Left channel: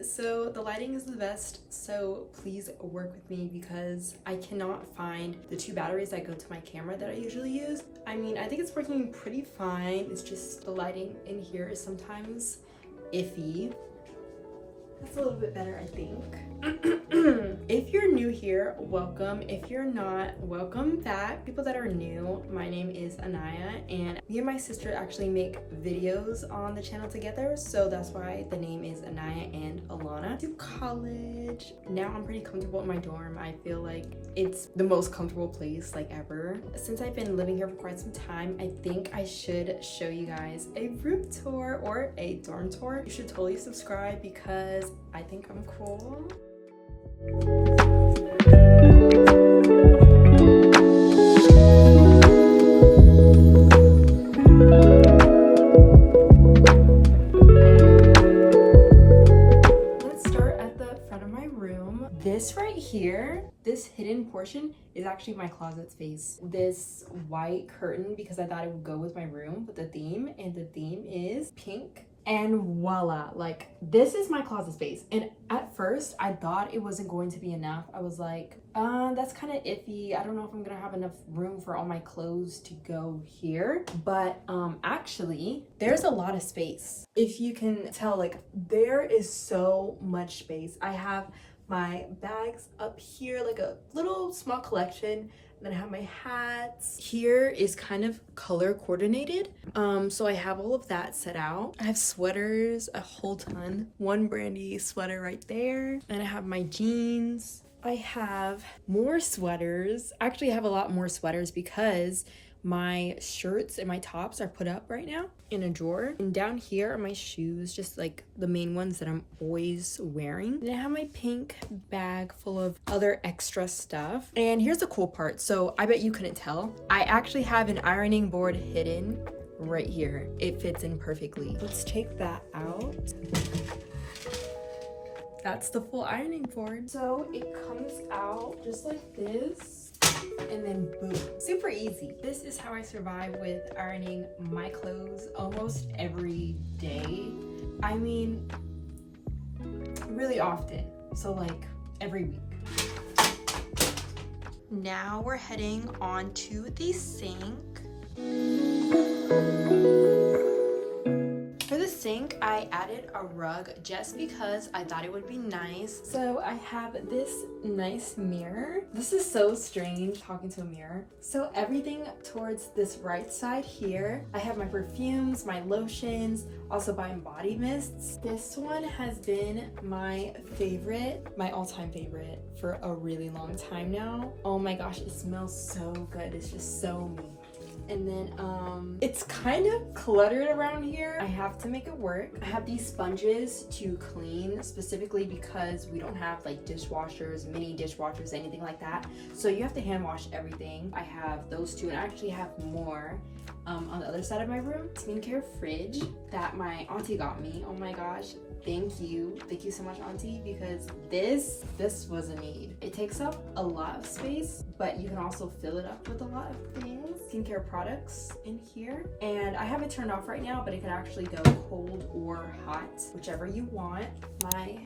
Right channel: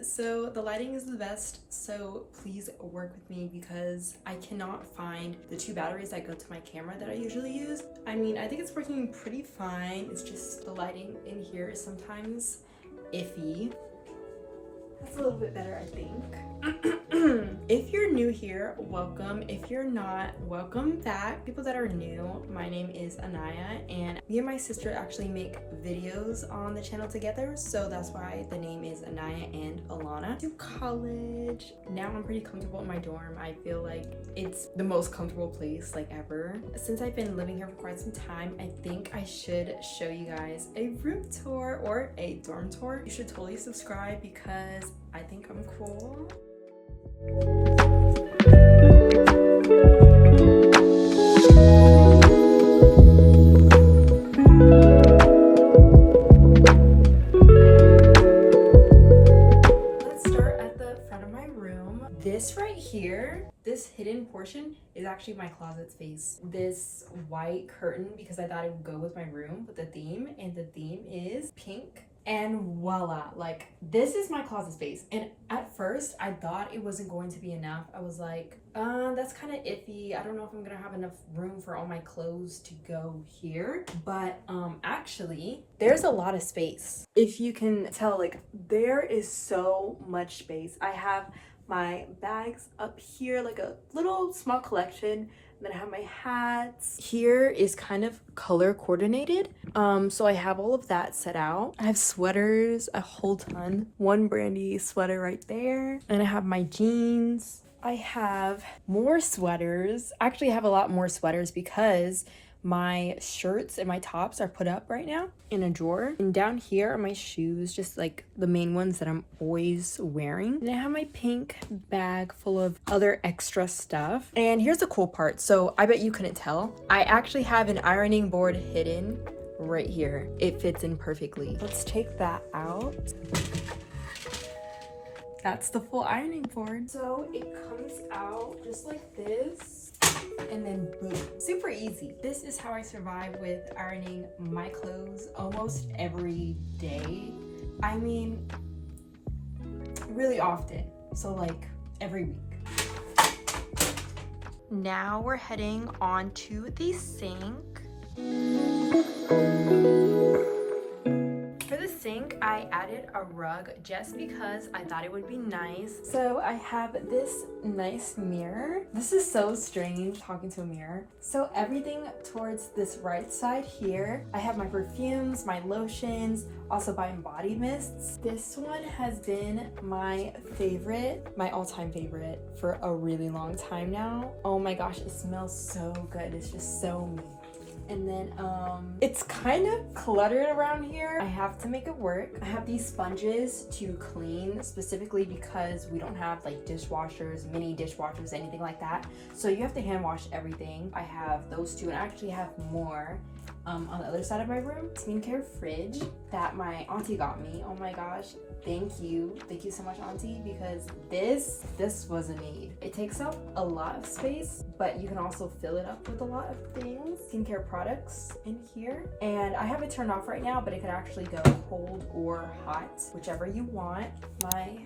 So the lighting is the best, so please work with me because I cannot find the 2 batteries that go to my camera that I usually use. I mean, I think it's working pretty fine. It's just the lighting in here is sometimes iffy. That's a little bit better, I think. If you're new here, welcome. If you're not, welcome back. People that are new, my name is Aniyah, and me and my sister actually make videos on the channel together, so that's why the name is Aniyah and Alana. To college. Now I'm pretty comfortable in my dorm. I feel like it's the most comfortable place like ever. Since I've been living here for quite some time, I think I should show you guys a room tour or a dorm tour. You should totally subscribe because I think I'm cool. Let's start at the front of my room. This right here, this hidden portion is actually my closet space. This white curtain, because I thought it would go with my room with the theme, and the theme is pink. And voila, like this is my closet space. And at first I thought it wasn't going to be enough. I was like, that's kind of iffy. I don't know if I'm gonna have enough room for all my clothes to go here. But actually there's a lot of space. If you can tell, like there is so much space. I have my bags up here, like a little small collection. Then I have my hats. Here is kind of color coordinated. So I have all of that set out. I have sweaters, a whole ton. One Brandy sweater right there. And I have my jeans. I have more sweaters. Actually, I have a lot more sweaters because my shirts and my tops are put up right now in a drawer. And down here are my shoes, just like the main ones that I'm always wearing. And I have my pink bag full of other extra stuff. And here's the cool part. So I bet you couldn't tell. I actually have an ironing board hidden right here. It fits in perfectly. Let's take that out. That's the full ironing board. So it comes out just like this. And then boom, super easy. This is how I survive with ironing my clothes almost every day. I mean, really often. So like every week. Now we're heading on to the sink. For the sink, I added a rug just because I thought it would be nice. So I have this nice mirror. This is so strange talking to a mirror. So everything towards this right side here, I have my perfumes, my lotions, also my body mists. This one has been my favorite, my all-time favorite for a really long time now. Oh my gosh, it smells so good. It's just so me. And then it's kind of cluttered around here. I have to make it work. I have these sponges to clean specifically because we don't have like dishwashers, mini dishwashers, anything like that. So you have to hand wash everything. I have those two, and I actually have more on the other side of my room. Skincare fridge that my auntie got me. Oh my gosh. Thank you so much, auntie, because this was a need. It takes up a lot of space, but you can also fill it up with a lot of things. Skincare products in here, and I have it turned off right now, but it can actually go cold or hot, whichever you want. My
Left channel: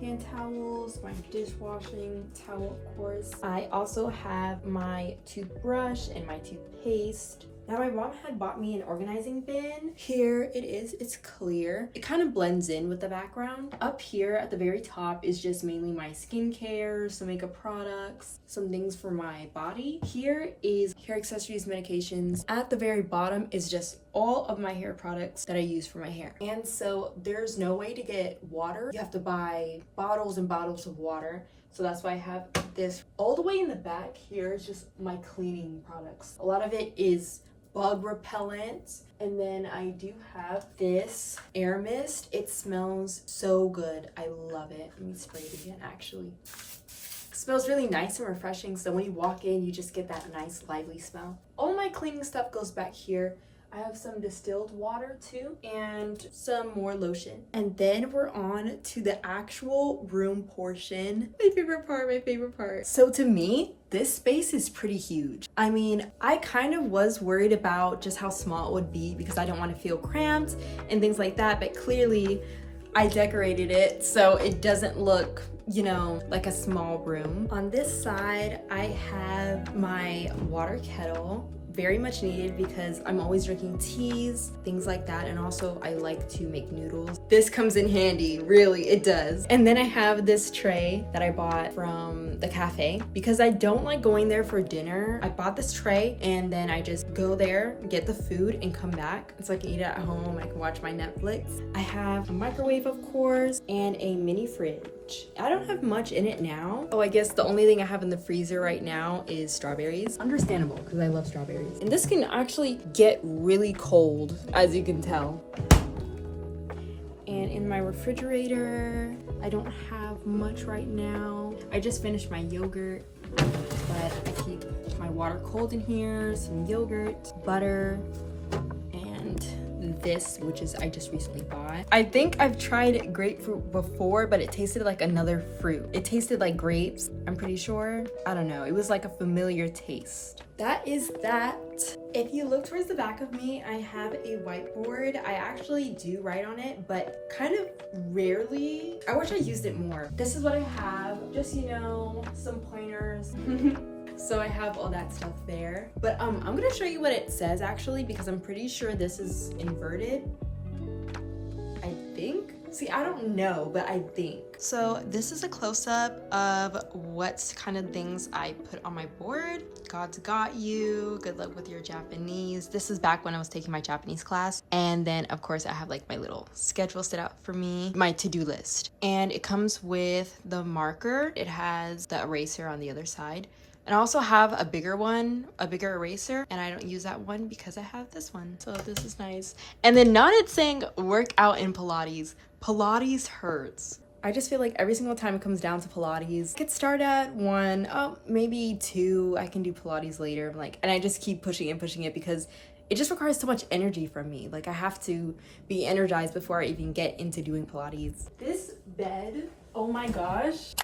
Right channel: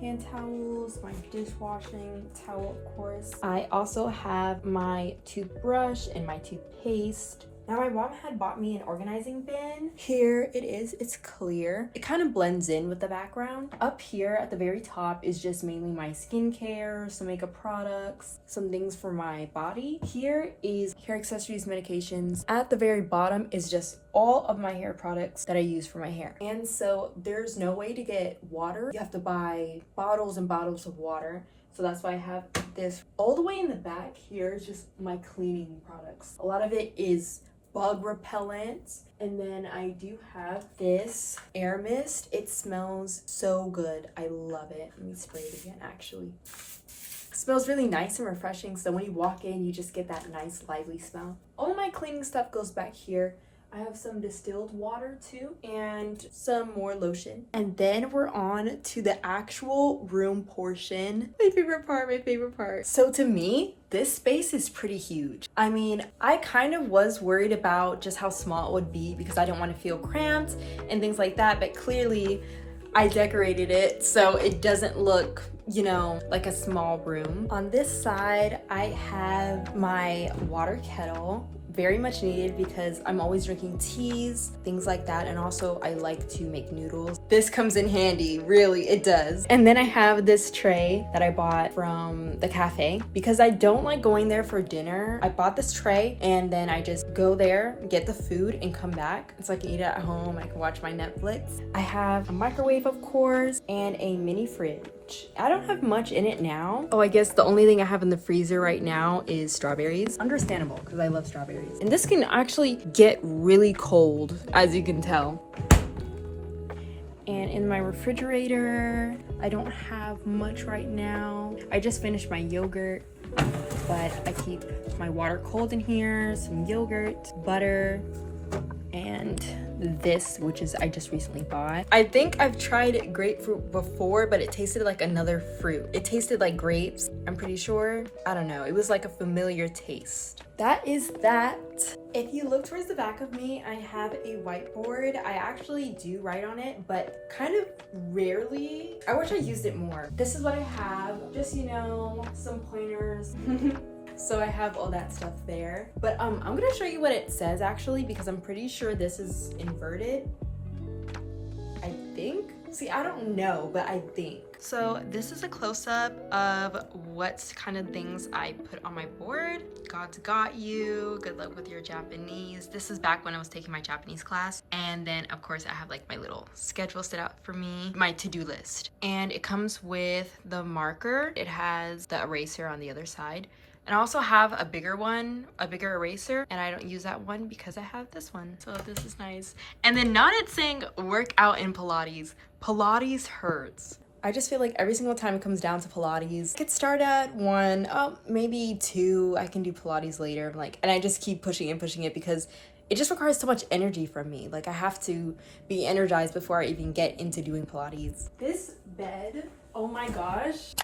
hand towels, my dishwashing towel, of course. I also have my toothbrush and my toothpaste. Now my mom had bought me an organizing bin. Here it is, it's clear. It kind of blends in with the background. Up here at the very top is just mainly my skincare, some makeup products, some things for my body. Here is hair accessories, medications. At the very bottom is just all of my hair products that I use for my hair. And so there's no way to get water. You have to buy bottles and bottles of water. So that's why I have this. All the way in the back here is just my cleaning products. A lot of it is bug repellent. And then I do have this air mist. It smells so good. I love it. Let me spray it again, actually. It smells really nice and refreshing. So when you walk in, you just get that nice lively smell. All my cleaning stuff goes back here. I have some distilled water too, and some more lotion. And then we're on to the actual room portion. My favorite part. So to me, this space is pretty huge. I mean, I kind of was worried about just how small it would be because I don't want to feel cramped and things like that, but clearly I decorated it so it doesn't look, you know, like a small room. On this side, I have my water kettle. Very much needed because I'm always drinking teas, things like that, and also I like to make noodles. This comes in handy, really, it does. And then I have this tray that I bought from the cafe because I don't like going there for dinner. I bought this tray and then I just go there, get the food, and come back. So I can eat it at home, I can watch my Netflix. I have a microwave, of course, and a mini fridge. I don't have much in it now. Oh, I guess the only thing I have in the freezer right now is strawberries. Understandable, because I love strawberries. And this can actually get really cold, as you can tell. And in my refrigerator, I don't have much right now. I just finished my yogurt, but I keep my water cold in here, some yogurt, butter, and this, which is I just recently bought. I think I've tried grapefruit before, but it tasted like another fruit. It tasted like grapes, I'm pretty sure. I don't know, it was like a familiar taste. That is that. If you look towards the back of me, I have a whiteboard. I actually do write on it, but kind of rarely. I wish I used it more. This is what I have, just, you know, some pointers. So I have all that stuff there. But I'm gonna show you what it says actually, because I'm pretty sure this is inverted. I think. See, I don't know, but I think. So this is a close-up of what kind of things I put on my board. God's got you. Good luck with your Japanese. This is back when I was taking my Japanese class. And then of course I have like my little schedule set out for me, my to-do list. And it comes with the marker. It has the eraser on the other side. And I also have a bigger one, a bigger eraser, and I don't use that one because I have this one. So this is nice. And then now it's saying work out in Pilates. Pilates hurts. I just feel like every single time it comes down to Pilates, I could start at 1, maybe 2. I can do Pilates later. And I just keep pushing it because it just requires so much energy from me. Like I have to be energized before I even get into doing Pilates. This bed, oh my gosh.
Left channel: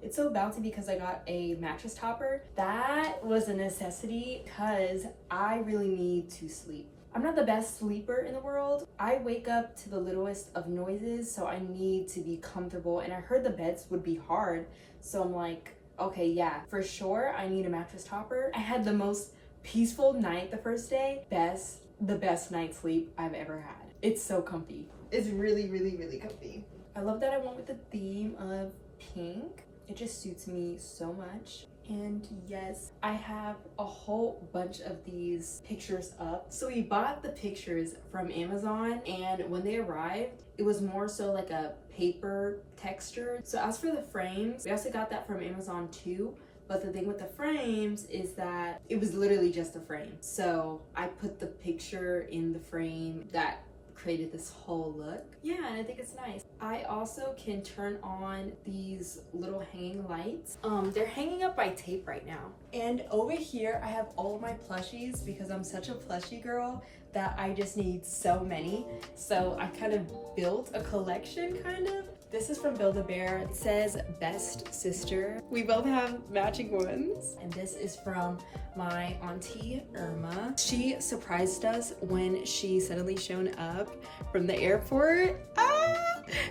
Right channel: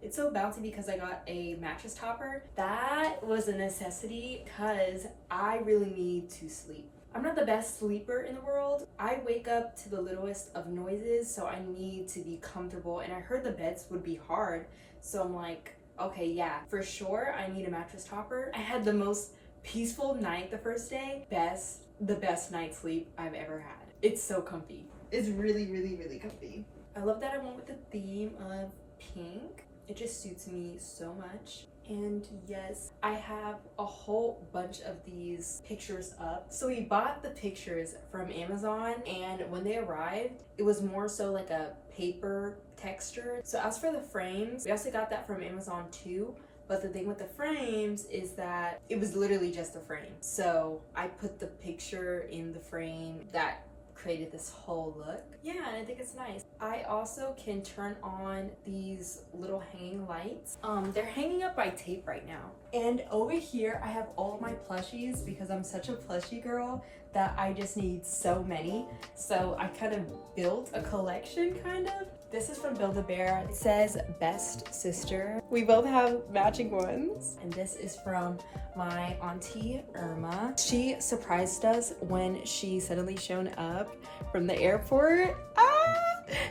It's so bouncy because I got a mattress topper. That was a necessity because I really need to sleep. I'm not the best sleeper in the world. I wake up to the littlest of noises, so I need to be comfortable. And I heard the beds would be hard, so I'm like, okay, yeah, for sure, I need a mattress topper. I had the most peaceful night the first day. The best night's sleep I've ever had. It's so comfy. It's really, really, really comfy. I love that I went with the theme of pink. It just suits me so much. And yes, I have a whole bunch of these pictures up. So we bought the pictures from Amazon, and when they arrived, it was more so like a paper texture. So as for the frames, we also got that from Amazon too. But the thing with the frames is that it was literally just a frame. So I put the picture in the frame that created this whole look. Yeah, and I think it's nice. I also can turn on these little hanging lights. They're hanging up by tape right now. And over here, I have all my plushies because I'm such a plushie girl that I just need so many. So I kind of built a collection, kind of. This is from Build-A-Bear. It says best sister. We both have matching ones. And this is from my auntie Irma. She surprised us when she suddenly shown up from the airport.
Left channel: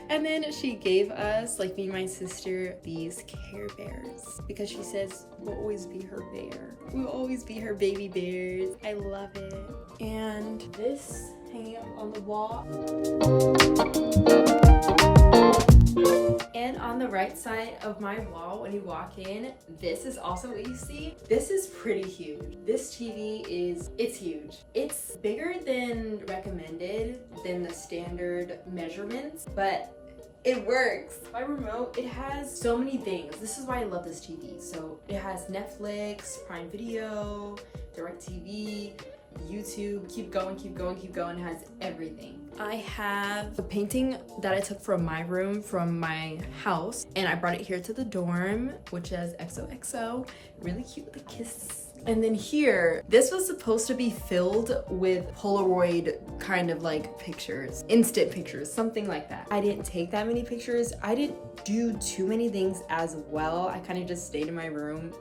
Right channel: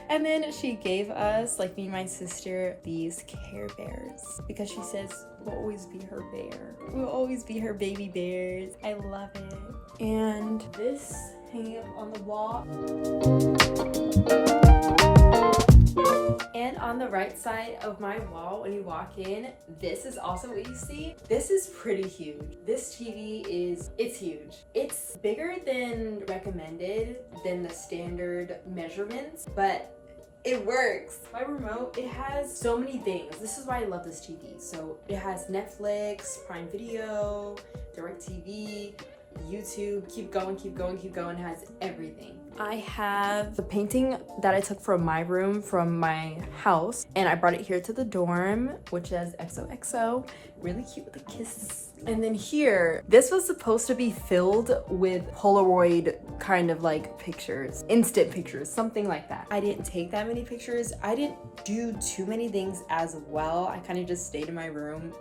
And then she gave us, like me and my sister, these Care Bears because she says we'll always be her bear. We'll always be her baby bears. I love it. And this hanging up on the wall. And on the right side of my wall, when you walk in, this is also what you see. This is pretty huge. This TV it's huge. It's bigger than recommended, than the standard measurements, but it works. My remote, it has so many things. This is why I love this TV. So it has Netflix, Prime Video, DirecTV, YouTube, keep going, it has everything. I have a painting that I took from my room from my house, and I brought it here to the dorm, which says XOXO. Really cute with the kisses. And then here, this was supposed to be filled with Polaroid kind of like pictures, instant pictures, something like that. I didn't take that many pictures. I didn't do too many things as well. I kind of just stayed in my room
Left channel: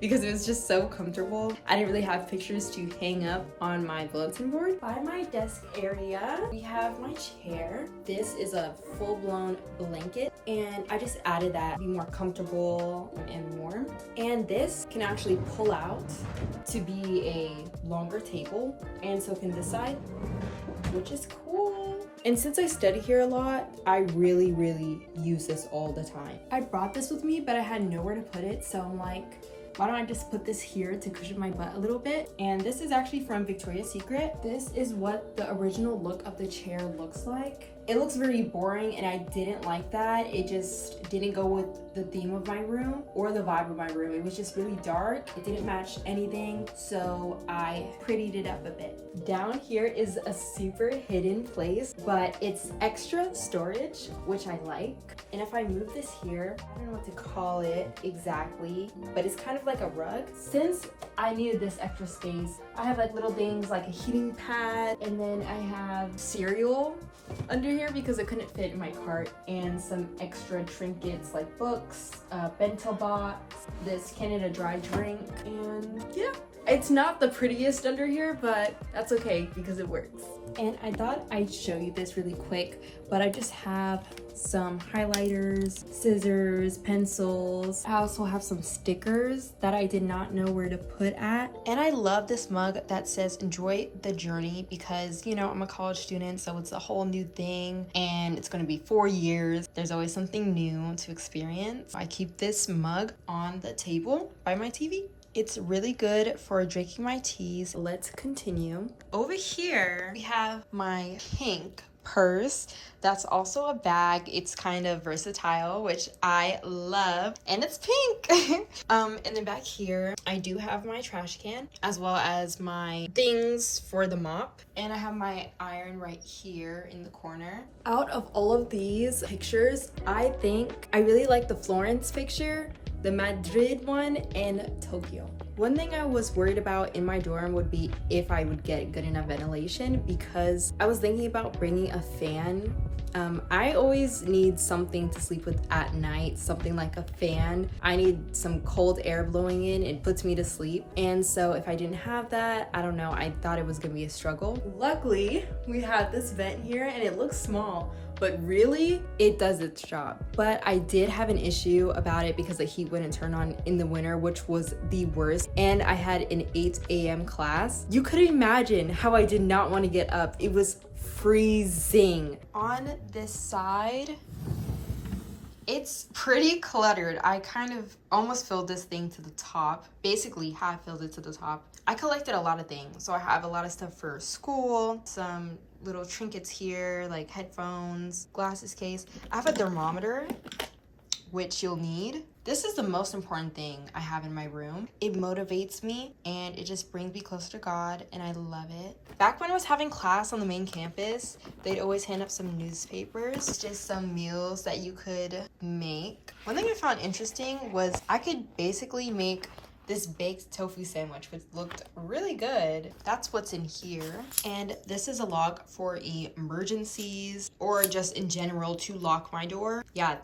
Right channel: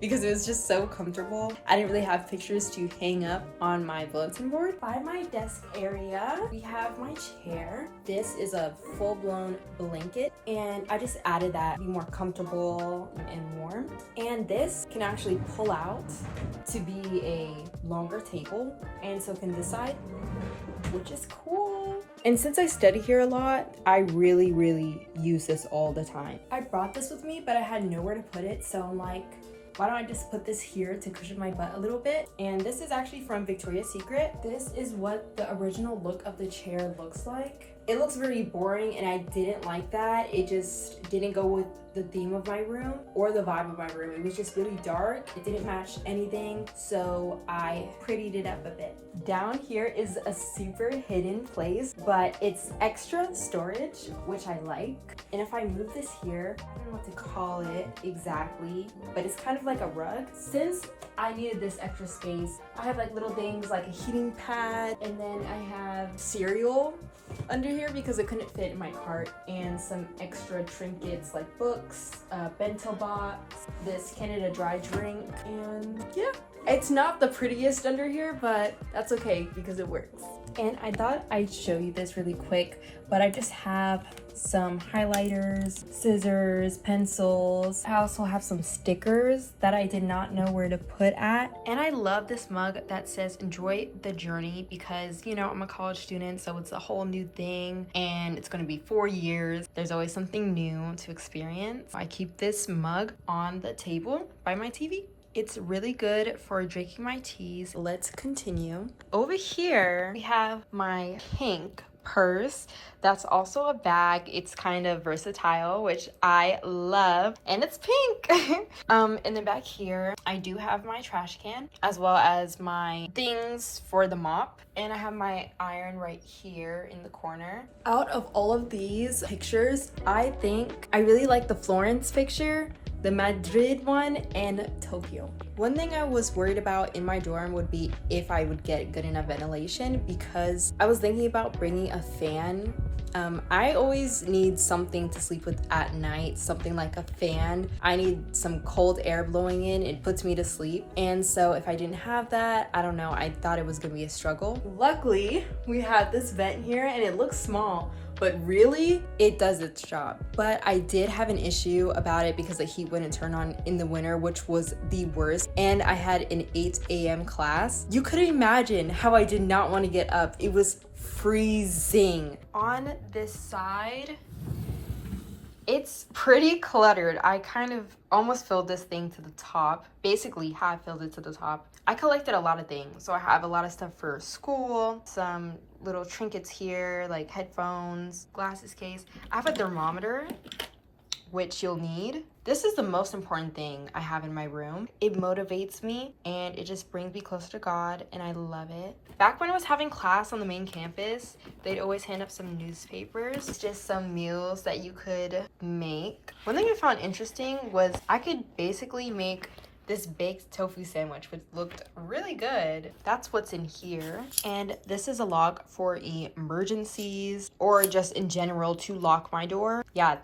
because it was just so comfortable. I didn't really have pictures to hang up on my bulletin board. By my desk area, we have my chair. This is a full-blown blanket, and I just added that to be more comfortable and warm. And this can actually pull out to be a longer table, and so can this side, which is cool. And since I study here a lot, I really use this all the time. I brought this with me, but I had nowhere to put it, so I'm like, why don't I just put this here to cushion my butt a little bit? And this is actually from Victoria's Secret. This is what the original look of the chair looks like. It looks very boring, and I didn't like that. It just didn't go with the theme of my room or the vibe of my room. It was just really dark. It didn't match anything, so I prettied it up a bit. Down here is a super hidden place, but it's extra storage, which I like. And if I move this here, I don't know what to call it exactly, but it's kind of like a rug. Since I needed this extra space, I have like little things like a heating pad, and then I have cereal under here because it couldn't fit in my cart, and some extra trinkets like books, bento box, this Canada Dry drink, and yeah. It's not the prettiest under here, but that's okay because it works. And I thought I'd show you this really quick, but I just have some highlighters, scissors, pencils. I also have some stickers that I did not know where to put at. And I love this mug that says enjoy the journey because, you know, I'm a college student, so it's a whole new thing and it's gonna be 4 years. There's always something new to experience. I keep this mug on the table by my TV. It's really good for drinking my teas. Let's continue. Over here, we have my pink purse. That's also a bag. It's kind of versatile, which I love, and it's pink. And then back here, I do have my trash can, as well as my things for the mop. And I have my iron right here in the corner. Out of all of these pictures, I think I really like the Florence picture, the Madrid one, and Tokyo. One thing I was worried about in my dorm would be if I would get good enough ventilation, because I was thinking about bringing a fan. I always need something to sleep with at night, something like a fan. I need some cold air blowing in. It puts me to sleep. And so if I didn't have that, I don't know, I thought it was gonna be a struggle. Luckily, we have this vent here and it looks small, but really it does its job. But I did have an issue about it because the heat wouldn't turn on in the winter, which was the worst. And I had an 8 a.m. class. You couldn't imagine how I did not want to get up. It was freezing. On this side, it's pretty cluttered. I kind of almost filled this thing to the top. Basically, have filled it to the top. I collected a lot of things. So I have a lot of stuff for school, some little trinkets here, like headphones, glasses case. I have a thermometer, which you'll need. This is the most important thing I have in my room. It motivates me and it just brings me closer to God, and I love it. Back when I was having class on the main campus, they'd always hand up some newspapers, just some meals that you could make. One thing I found interesting was I could basically make this baked tofu sandwich, which looked really good. That's what's in here. And this is a lock for emergencies or just in general to lock my door. Yeah,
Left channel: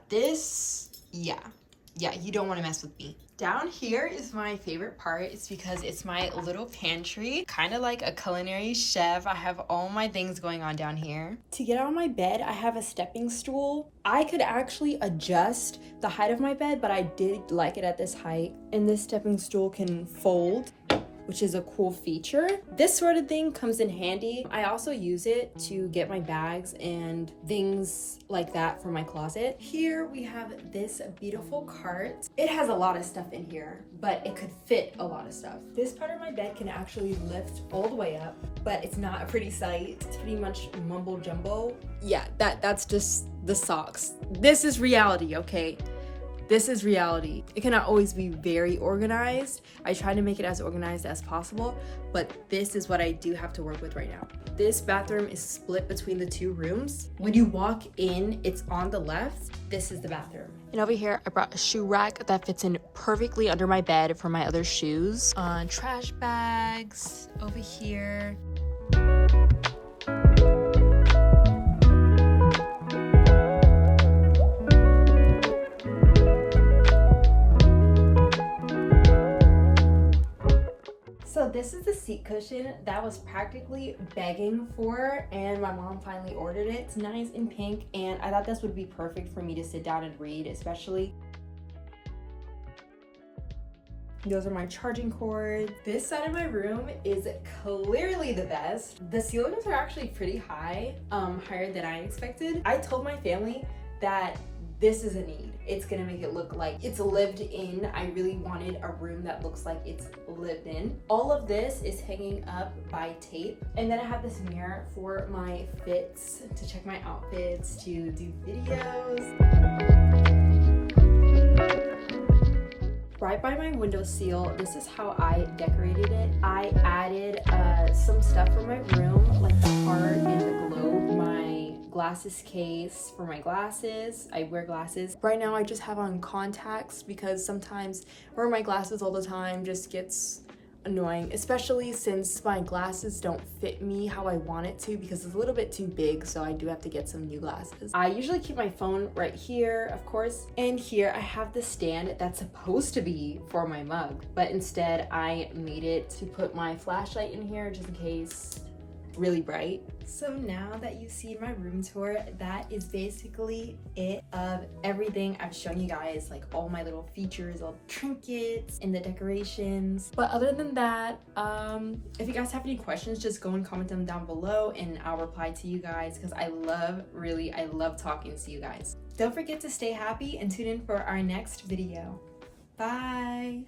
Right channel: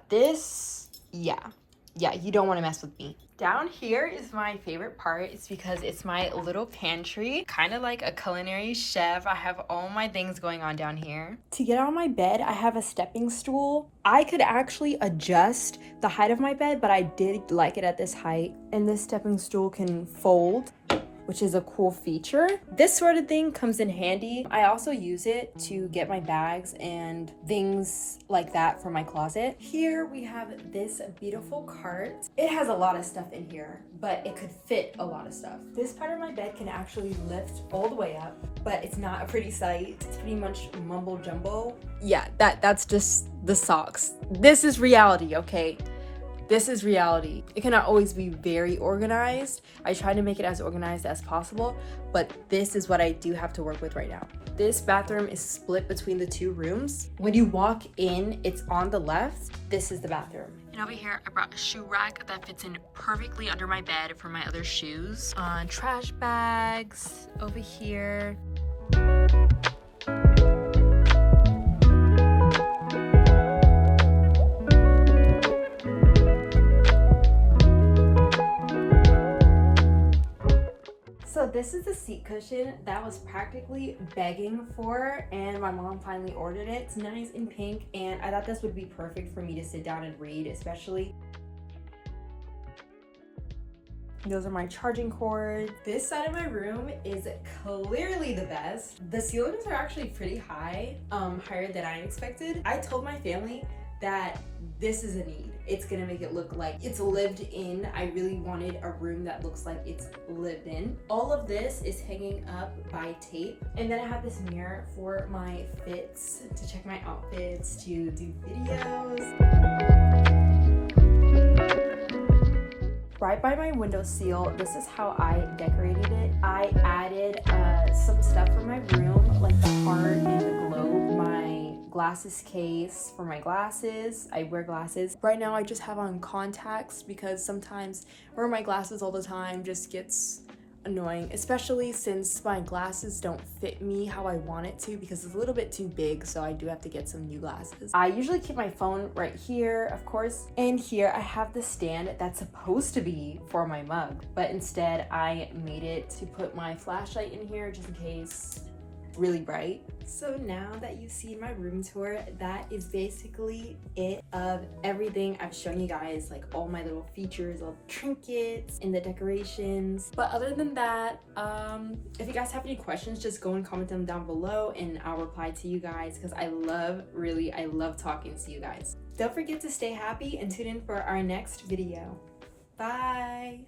you don't want to mess with me. Down here is my favorite part. It's because it's my little pantry, kind of like a culinary chef. I have all my things going on down here. To get on my bed, I have a stepping stool. I could actually adjust the height of my bed, but I did like it at this height. And this stepping stool can fold, which is a cool feature. This sort of thing comes in handy. I also use it to get my bags and things like that for my closet. Here we have this beautiful cart. It has a lot of stuff in here, but it could fit a lot of stuff. This part of my bed can actually lift all the way up, but it's not a pretty sight. It's pretty much mumbo jumbo. Yeah, that's just the socks. This is reality, okay? This is reality. It cannot always be very organized. I try to make it as organized as possible, but this is what I do have to work with right now. This bathroom is split between the 2 rooms. When you walk in, it's on the left. This is the bathroom. And over here, I brought a shoe rack that fits in perfectly under my bed for my other shoes. Trash bags over here. is the seat cushion that I was practically begging for, and my mom finally ordered it. It's nice and pink, and I thought this would be perfect for me to sit down and read, especially. Those are my charging cords. This side of my room is clearly the best. The ceilings are actually pretty high, higher than I expected. I told my family that this is a need. It's gonna make it look like it's lived in. I really wanted a room that looks like it's lived in. All of this is hanging up by tape. And then I have this mirror for my fits, to check my outfits, to do videos. Right by my windowsill, this is how I decorated it. I added some stuff for my room, like the heart and the globe, my glasses case for my glasses. I wear glasses. Right now I just have on contacts because sometimes wearing my glasses all the time just gets annoying, especially since my glasses don't fit me how I want it to because it's a little bit too big, so I do have to get some new glasses. I usually keep my phone right here, of course, and here I have the stand that's supposed to be for my mug, but instead I made it to put my flashlight in here just in case it's really bright. So now that you've seen my room tour, that is basically it of everything I've shown you guys, like all my little features, all the trinkets and the decorations. But other than that, if you guys have any questions, just go and comment them down below and I'll reply to you guys because I love talking to you guys. Don't forget to stay happy and tune in for our next video. Bye!